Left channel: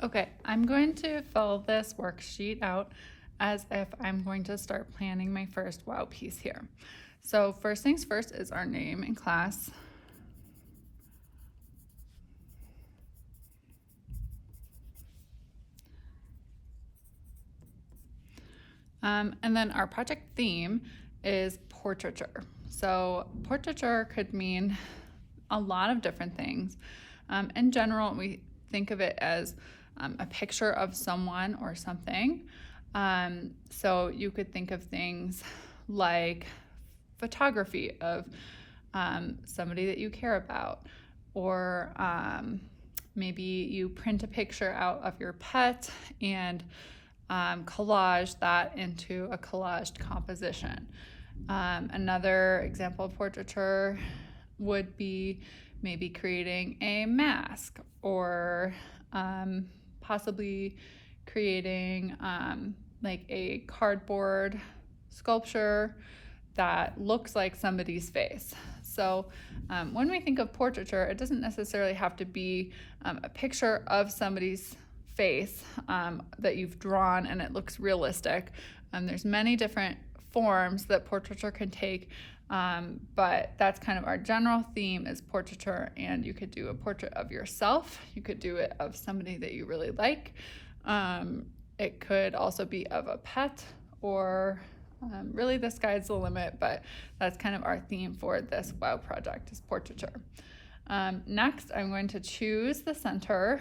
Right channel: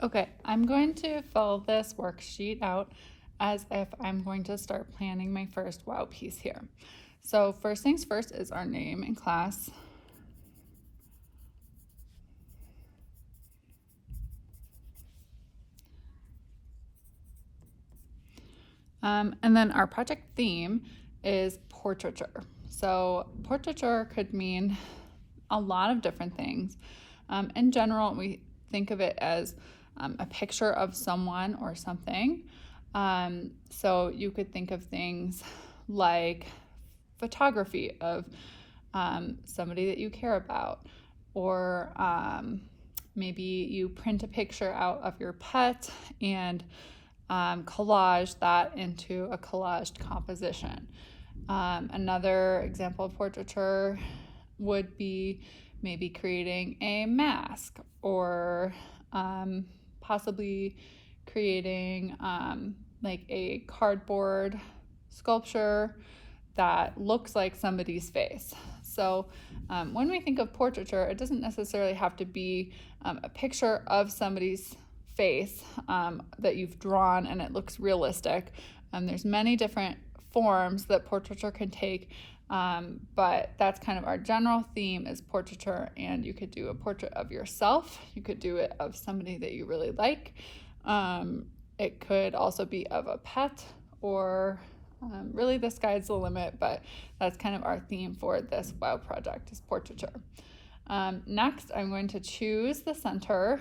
Okay, I'm going to fill this worksheet out as if I'm going to start planning my first wow piece here. So first things first is our name in class. And then our project theme is portraiture. So portraiture could mean a lot of different things. In general, we think of it as a picture of someone or something. So you could think of things like photography of somebody that you care about, or maybe you print a picture out of your pet and collage that into a collaged composition. Another example of portraiture would be maybe creating a mask, or possibly creating like a cardboard sculpture that looks like somebody's face. So when we think of portraiture, it doesn't necessarily have to be a picture of somebody's face that you've drawn and it looks realistic. There's many different forms that portraiture can take, but that's kind of our general theme is portraiture. And you could do a portrait of yourself. You could do it of somebody that you really like. It could also be of a pet, or really the sky's the limit, but that's kind of our theme for this WOW project is portraiture. Next, I'm going to choose the center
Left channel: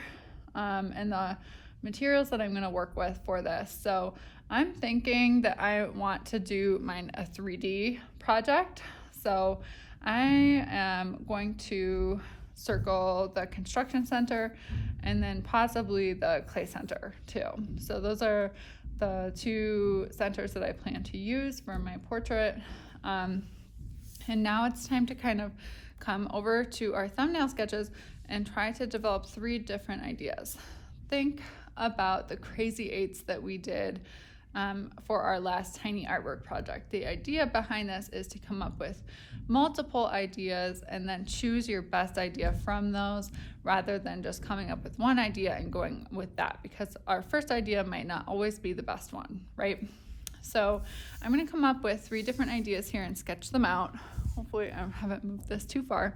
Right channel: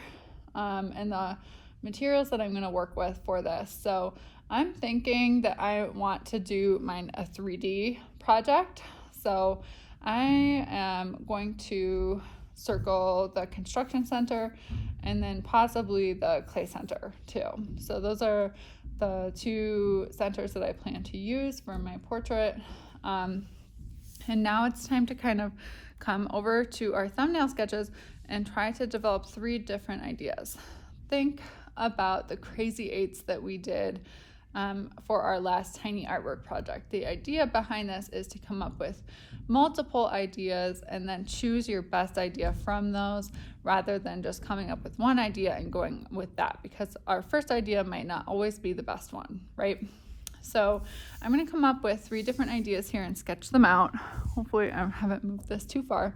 and the materials that I'm going to work with for this. So I'm thinking that I want to do mine a 3D project. So I am going to circle the construction center and then possibly the clay center too. So those are the two centers that I plan to use for my portrait. And now it's time to kind of come over to our thumbnail sketches and try to develop 3 different ideas. Think about the crazy 8s that we did for our last tiny artwork project. The idea behind this is to come up with multiple ideas and then choose your best idea from those, rather than just coming up with one idea and going with that, because our first idea might not always be the best one, right? So I'm going to come up with 3 different ideas here and sketch them out. Hopefully I haven't moved this too far.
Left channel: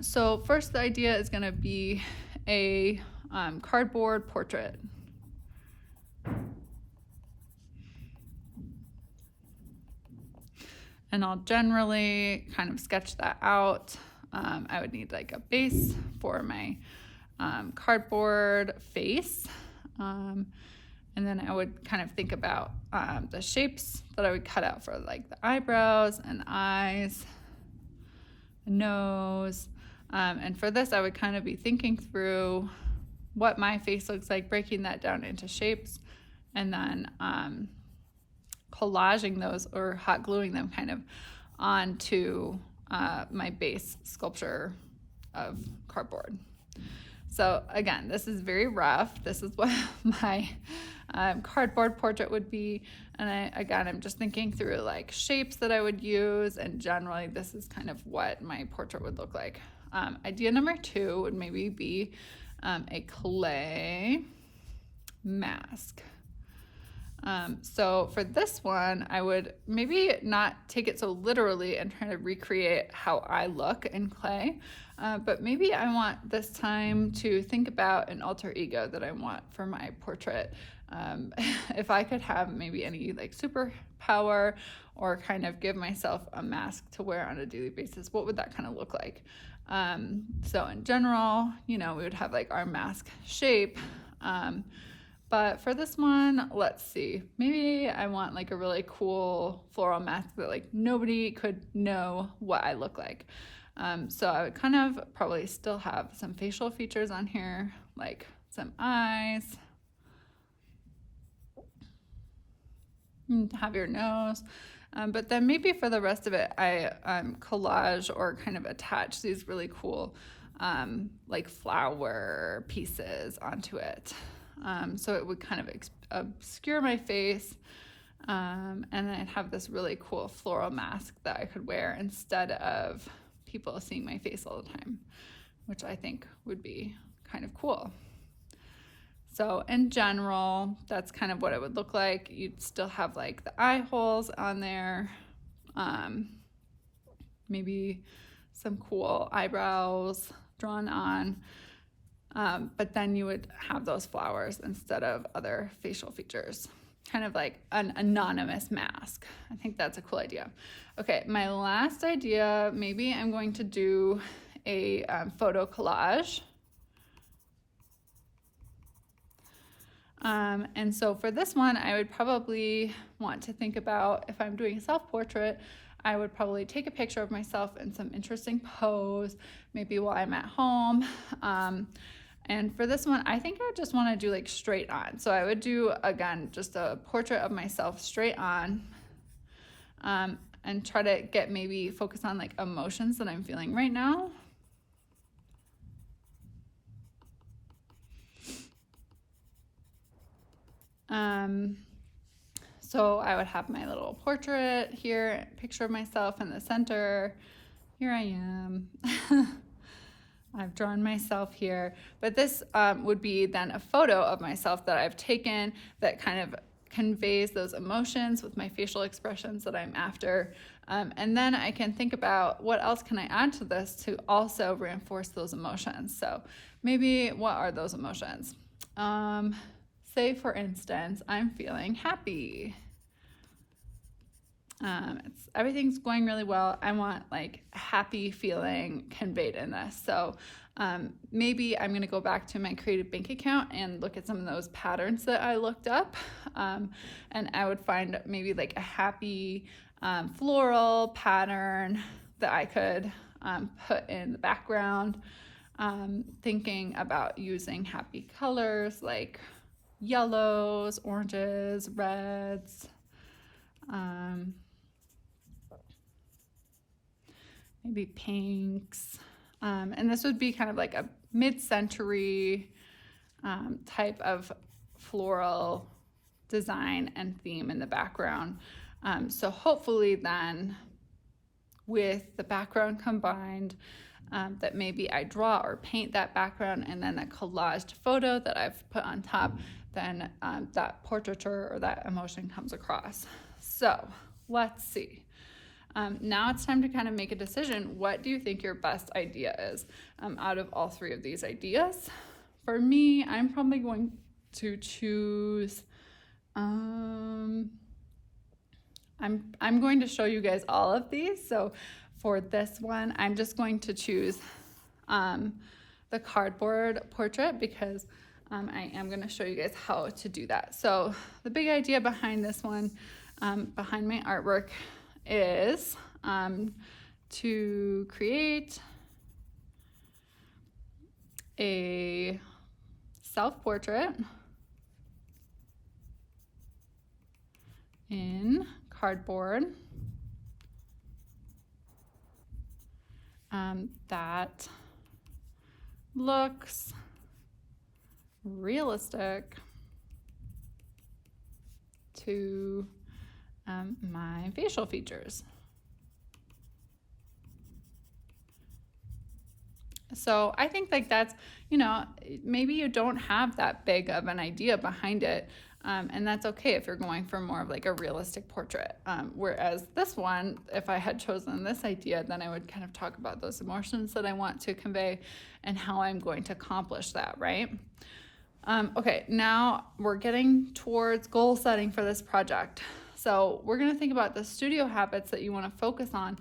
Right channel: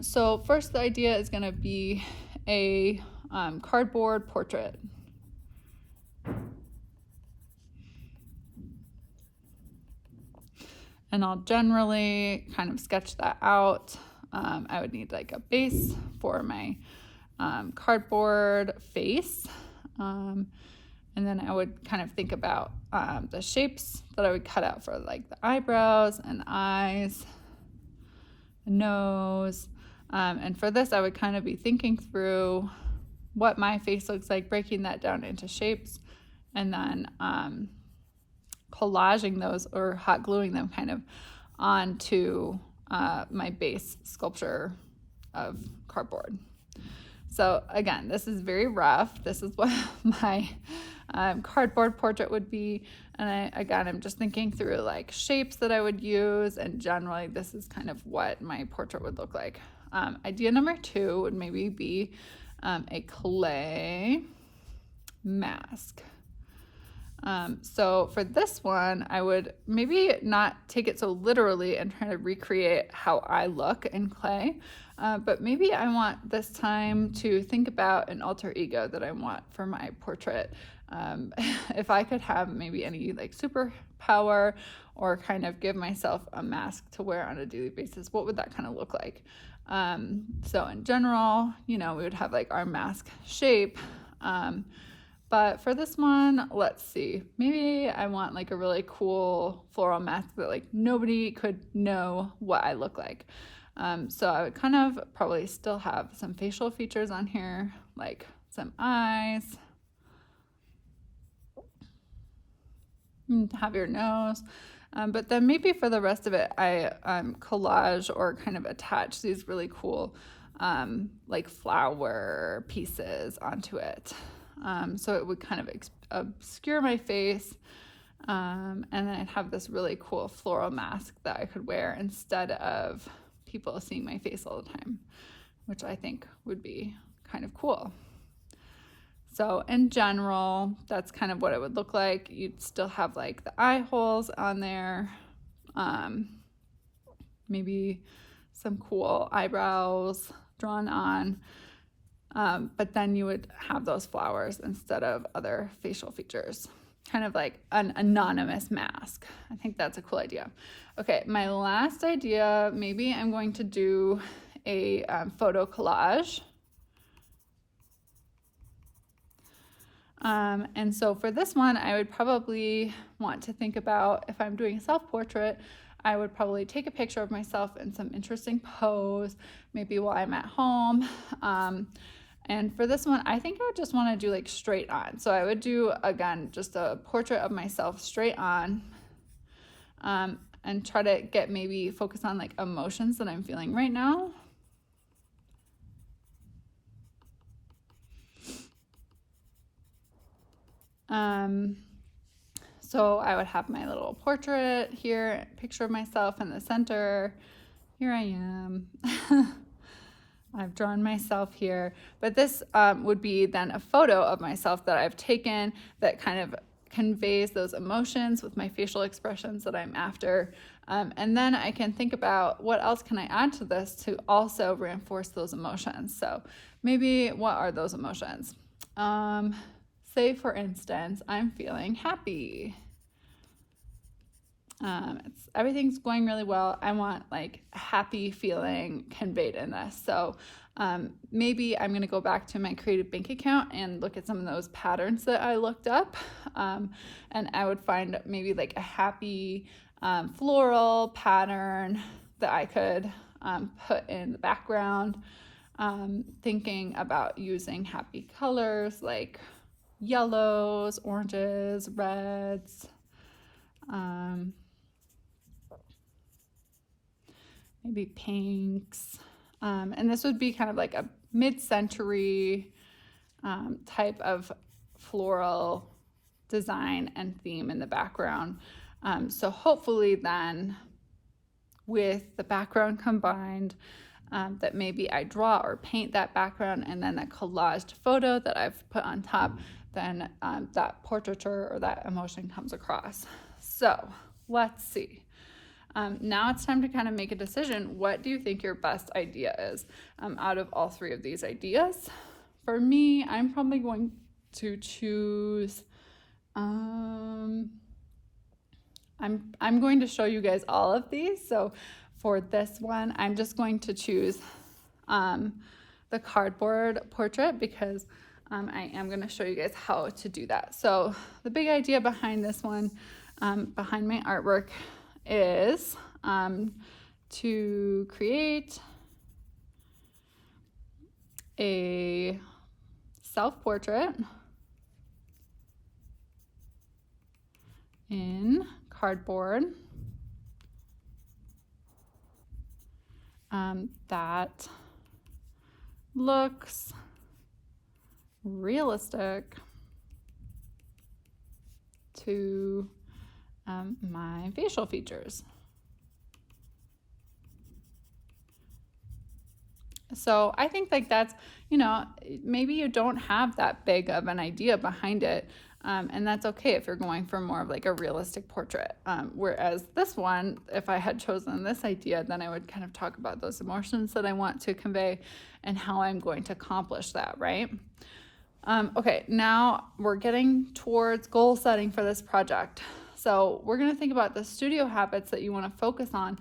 So first, the idea is going to be a cardboard portrait. And I'll generally kind of sketch that out. I would need like a base for my cardboard face. And then I would kind of think about the shapes that I would cut out for like the eyebrows and eyes, nose. And for this, I would kind of be thinking through what my face looks like, breaking that down into shapes, and then collaging those or hot gluing them kind of onto my base sculpture of cardboard. So again, this is very rough. This is what my cardboard portrait would be. And I'm just thinking through like shapes that I would use, and generally this is kind of what my portrait would look like. Idea number 2 would maybe be a clay mask. So for this one, I would maybe not take it so literally and try to recreate how I look in clay, but maybe I want this time to think about an alter ego that I want for my portrait. If I could have maybe any like superpower, or kind of give myself a mask to wear on a daily basis, what would that kind of look like? So in general, we would have like our mask shape. But for this one, let's see, maybe I want like a really cool floral mask that like nobody could know what I look like. So I would kind of probably still have some facial features on here, like some eyes, have your nose. But then maybe for the rest of it, I collage or kind of attach these really cool like flower pieces onto it. So it would kind of obscure my face, and then I'd have this really cool floral mask that I could wear instead of people seeing my face all the time, which I think would be kind of cool. So in general, that's kind of what it would look like. You'd still have like the eye holes on there, maybe some cool eyebrows drawn on, but then you would have those flowers instead of other facial features, kind of like an anonymous mask. I think that's a cool idea. Okay, my last idea, maybe I'm going to do a photo collage. And so for this one, I would probably want to think about, if I'm doing a self-portrait, I would probably take a picture of myself in some interesting pose, maybe while I'm at home. And for this one, I think I would just want to do like straight on. So I would do, again, just a portrait of myself straight on, and try to get maybe focus on like emotions that I'm feeling right now. So I would have my little portrait here, picture of myself in the center. Here I am. I've drawn myself here, but this would be then a photo of myself that I've taken that kind of conveys those emotions with my facial expressions that I'm after. And then I can think about what else can I add to this to also reinforce those emotions. So maybe what are those emotions? Say for instance, I'm feeling happy. Everything's going really well. I want like a happy feeling conveyed in this. So maybe I'm going to go back to my creative bank account and look at some of those patterns that I looked up. And I would find maybe like a happy floral pattern that I could put in the background. Thinking about using happy colors like yellows, oranges, reds, maybe pinks. And this would be kind of like a mid-century type of floral design and theme in the background. So hopefully then with the background combined, that maybe I draw or paint that background, and then that collaged photo that I've put on top, then that portraiture or that emotion comes across. So let's see. Now it's time to kind of make a decision. What do you think your best idea is out of all three of these ideas? For me, I'm probably going to choose, I'm going to show you guys all of these. So for this one, I'm just going to choose the cardboard portrait because I am going to show you guys how to do that. So the big idea behind this one, behind my artwork, is to create a self-portrait in cardboard that looks realistic to my facial features. So I think like that's, maybe you don't have that big of an idea behind it. And that's okay if you're going for more of like a realistic portrait. Whereas this one, if I had chosen this idea, then I would kind of talk about those emotions that I want to convey and how I'm going to accomplish that, right? Okay, now we're getting towards goal setting for this project. So we're going to think about the studio habits that you want to focus on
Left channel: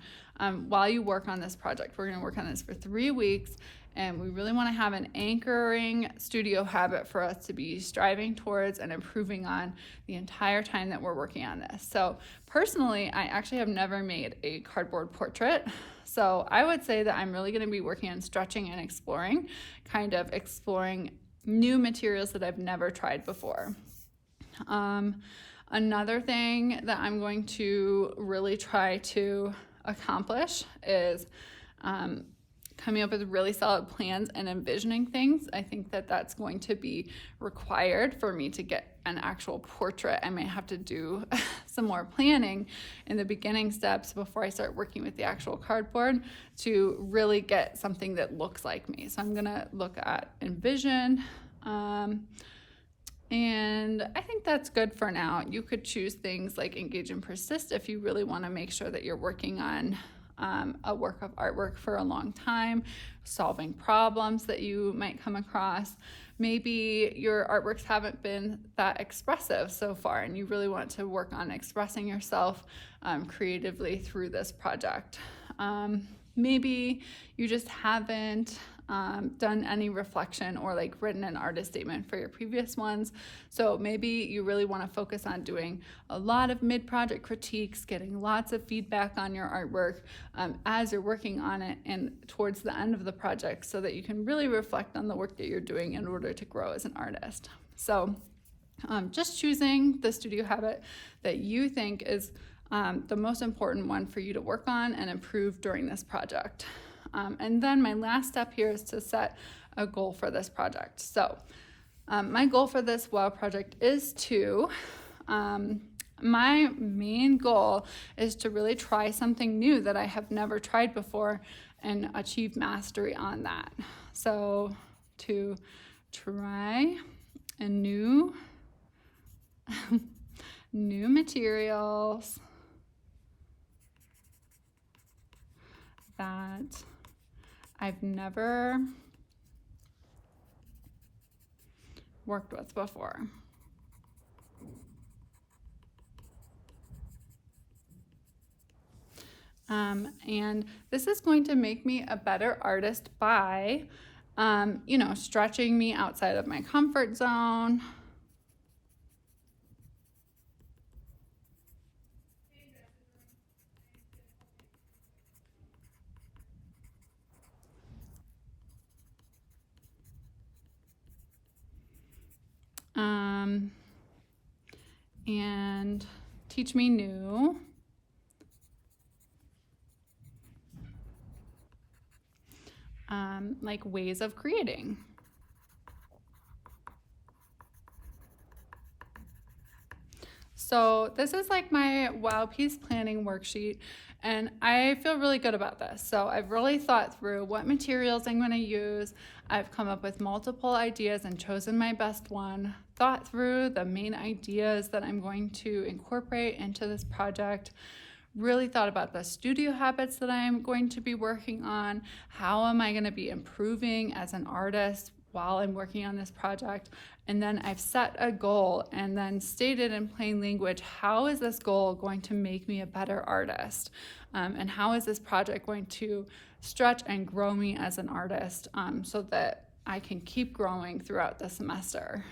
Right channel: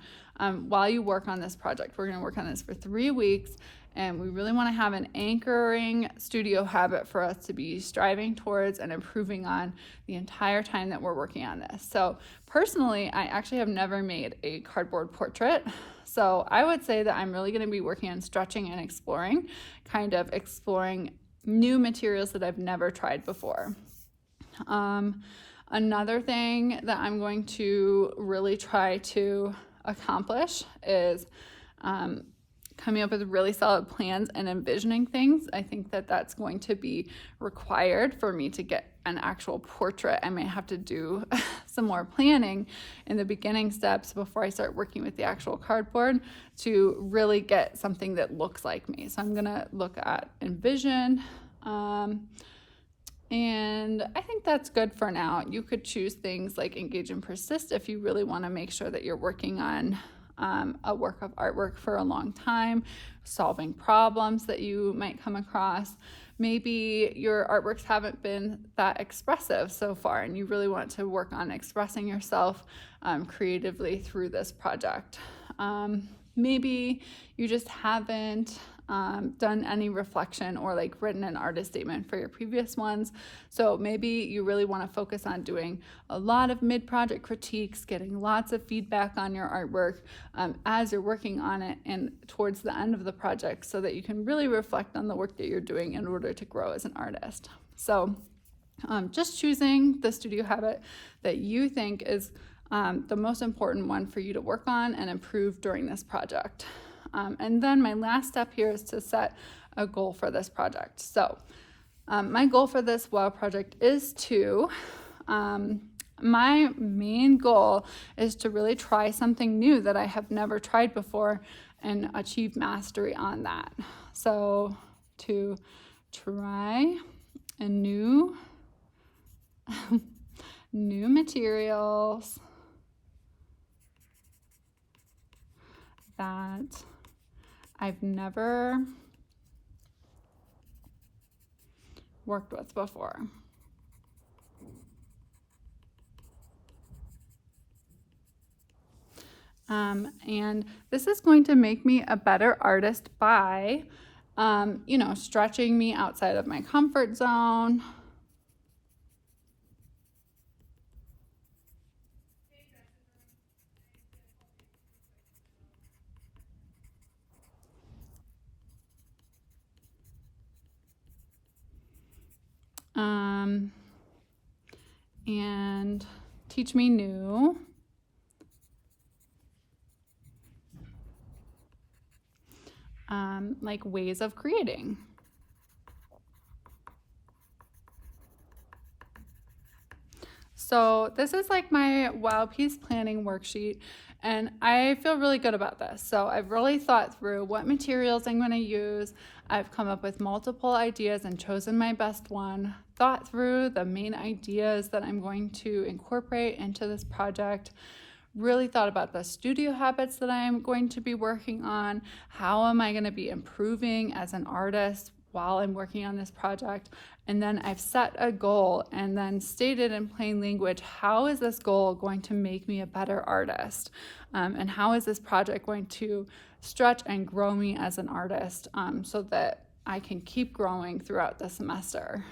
while you work on this project. We're going to work on this for 3 weeks, and we really want to have an anchoring studio habit for us to be striving towards and improving on the entire time that we're working on this. So personally, I actually have never made a cardboard portrait. So I would say that I'm really going to be working on stretching and exploring, kind of exploring new materials that I've never tried before. Another thing that I'm going to really try to accomplish is coming up with really solid plans and envisioning things. I think that that's going to be required for me to get an actual portrait. I might have to do some more planning in the beginning steps before I start working with the actual cardboard to really get something that looks like me. So I'm gonna look at envision, And I think that's good for now. You could choose things like engage and persist if you really want to make sure that you're working on a work of artwork for a long time, solving problems that you might come across. Maybe your artworks haven't been that expressive so far and you really want to work on expressing yourself creatively through this project. Maybe you just haven't done any reflection or like written an artist statement for your previous ones. So maybe you really want to focus on doing a lot of mid-project critiques, getting lots of feedback on your artwork as you're working on it and towards the end of the project, so that you can really reflect on the work that you're doing in order to grow as an artist. So just choosing the studio habit that you think is the most important one for you to work on and improve during this project. And then my last step here is to set a goal for this project. So my goal for this WOW project is to, my main goal is to really try something new that I have never tried before and achieve mastery on that. So to try a new materials that I've never worked with before. And this is going to make me a better artist by, stretching me outside of my comfort zone. And teach me new like ways of creating. So this is like my WOW piece planning worksheet, and I feel really good about this. So I've really thought through what materials I'm going to use. I've come up with multiple ideas and chosen my best one, thought through the main ideas that I'm going to incorporate into this project, really thought about the studio habits that I'm going to be working on. How am I going to be improving as an artist while I'm working on this project? And then I've set a goal and then stated in plain language, how is this goal going to make me a better artist? And how is this project going to stretch and grow me as an artist so that I can keep growing throughout the semester?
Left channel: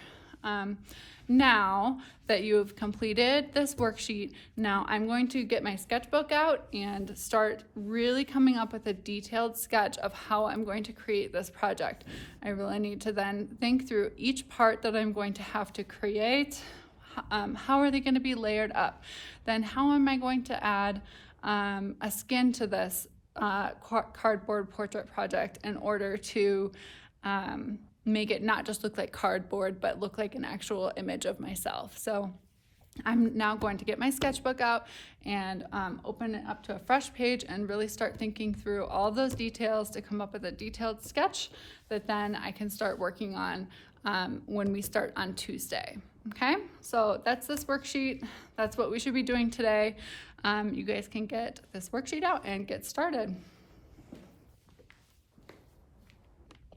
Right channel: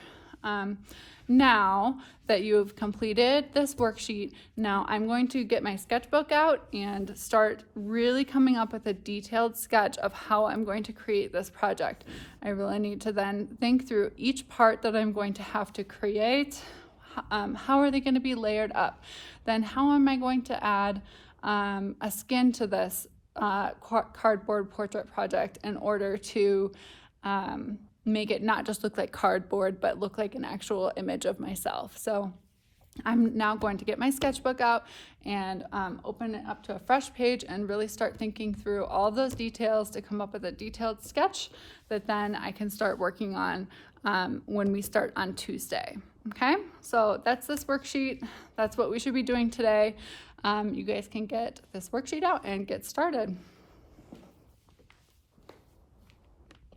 Now that you've completed this worksheet, now I'm going to get my sketchbook out and start really coming up with a detailed sketch of how I'm going to create this project. I really need to then think through each part that I'm going to have to create. How are they going to be layered up? Then how am I going to add a skin to this cardboard portrait project in order to make it not just look like cardboard, but look like an actual image of myself. So I'm now going to get my sketchbook out and open it up to a fresh page and really start thinking through all those details to come up with a detailed sketch that then I can start working on when we start on Tuesday. Okay, so that's this worksheet. That's what we should be doing today. You guys can get this worksheet out and get started.